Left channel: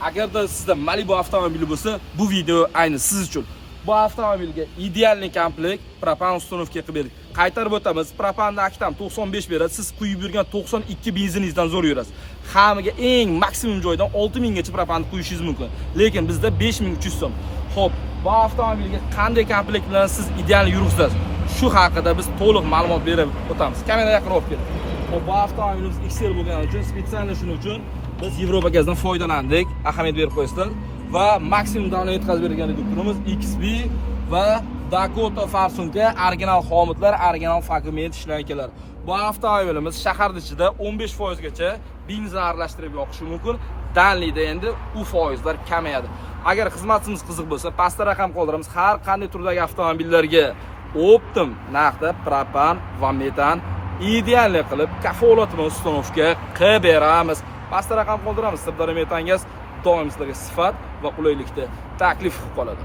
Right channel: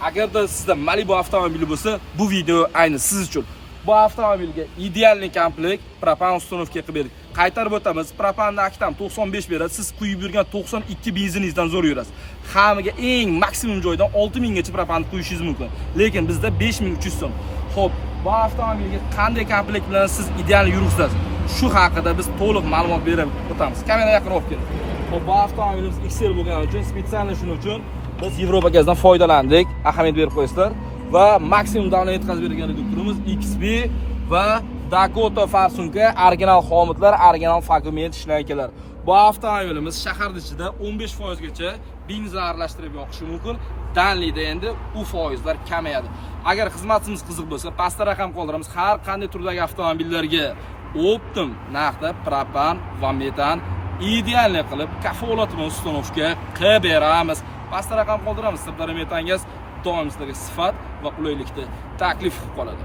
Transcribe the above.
Agarda sizda Malibu avtomobili bo'lsa, bu video ayni siz uchun. Bu avtomobilga idealniy komplekt propan uстановка qilib berdik. Qaytarib o'tamiz. Propanni aktam 95 beradi. Siz quyib yurgan 92 benziningizdan zo'r yurasiz. Hamiga eng maksimum joydan 6000 gacha propanni quyishingiz mumkin. Lekin bizda 5300 so'm. Xo'p, bu avtomobilga qanday komplekt bilan siz ideal yuribsiz? Shu haqida biz to'liq ma'lumot berib o'tamiz. Kamera yaqin olib keling. Xo'p, bu avtomobilimiz XL bo'lgani uchun, spesial shuning uchun biz Yevropa gazdan foydalandik. Ahamiyat berib qo'ysizlar. Va maksimum davlat yetkazib bergan reduktorimiz XB va Dakota Farsunga original xomutlar, original fragment ishlaydilar. Bu avtomobilimiz shahar ichida 15% gacha benzin aralashtirib yoqishi mumkin. Danlida endi u foizlar kamayadi. Agar xizmatimiz qiziq bo'lsa, pastda raqam qoldiramiz. Har qanday turdagi avtomobillarga optim narxda propan va metan idealni qilib kafolat bilan uстановка qilib beramiz. Pastda raqam qoldiramiz. Sirdaryo metan gaz doim sizlarga sifat va qulaylikda taklif qilib qoladi.